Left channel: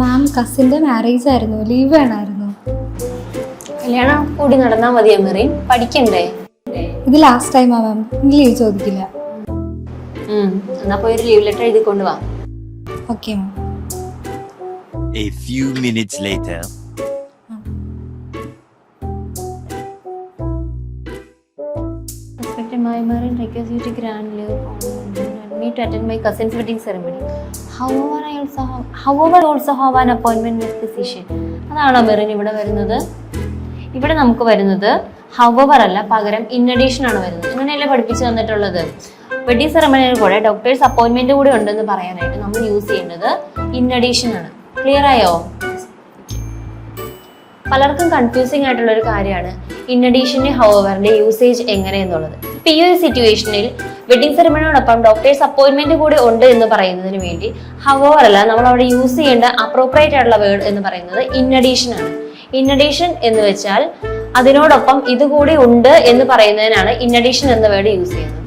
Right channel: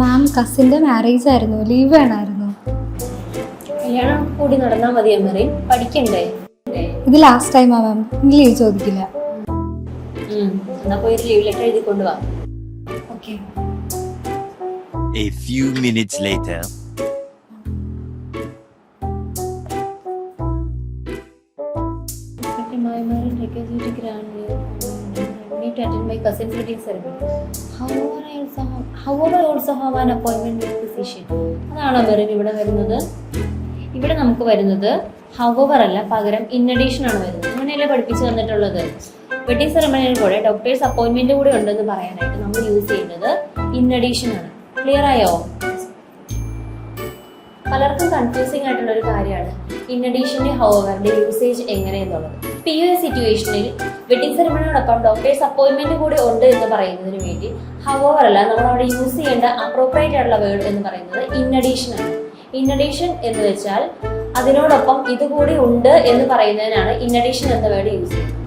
മാം കസിൻ്റെ marriage ആയിരുന്നു, leave വേണമായിരുന്നു. കല്യാണം കൂടി നടന്നാൽ മതിയോ മെറിൻ? പഠിക്കണ്ടേ? ഇത് ലാസ്റ്റ് ടൈമാ മാം, ഇനി ലീവ് ചോദിക്കില്ല. എന്നാ പോയി ഒരു ലീവ് ലെറ്റർ എഴുതി കൊണ്ടുവാ. Okay ma'am. A few minutes later. Respected my Marin request you to grandly me to attend my cousin's wedding ceremony. However, I also have an appointment with physician. അതാണോ മെറിൻ ഇവിടെ വരുന്നത്? ഇവിടെ നമുക്ക് വരുന്നത് however അല്ല, പകരം in addition ആണ് വരുന്നത്. ഇങ്ങനെയല്ലേ പഠിപ്പിച്ചു തന്നിട്ടുള്ളത്. വെഡിങ് സെറമണിയിൽ കൂടെ ഡോക്ടേഴ്സ് അപ്പോയിന്റ്മെന്റ് കൂടെ ഉണ്ടെന്ന് പറയാനായിട്ട് നമ്മൾ യൂസ് ചെയ്യുന്നത് in addition ആണ്. ക്ലിയർ ആയോ? പലർക്കും കൺഫ്യൂസിംഗ് ആയിട്ടുള്ള ഒരു കാര്യമാണ് ഇൻ അഡീഷന്റെ ഹൗവറിന്റെ യൂസേജ് എങ്ങനെയെന്നുള്ളത്. ഇപ്പൊ ഈ ഒരു സിറ്റുവേഷനിൽ വെഡിങ് സെറമണിയോടൊപ്പം ഡോക്ടേഴ്സ് അപ്പോയിന്റ്മെന്റ് കൂടെ ഉണ്ട് എന്ന് പറയുന്നതിന് വേണ്ടി ഹൗവർ അല്ല, നമ്മൾ അവിടെ യൂസ് ചെയ്യേണ്ട അപ്രോപ്രിയേറ്റ് ആയിട്ടുള്ള വേർഡ് എന്ന് പറയുന്നത് ഇൻ അഡീഷൻ ആണ്. ഇൻ അഡീഷൻ എന്ന് വെച്ചാൽ അതിനോടൊപ്പം ഇതുകൂടി ഉണ്ട് എന്ന് പറയുന്നതിനാണ് ഇൻ അഡീഷൻ എന്ന വേർഡ് യൂസ് ചെയ്യുന്നത്.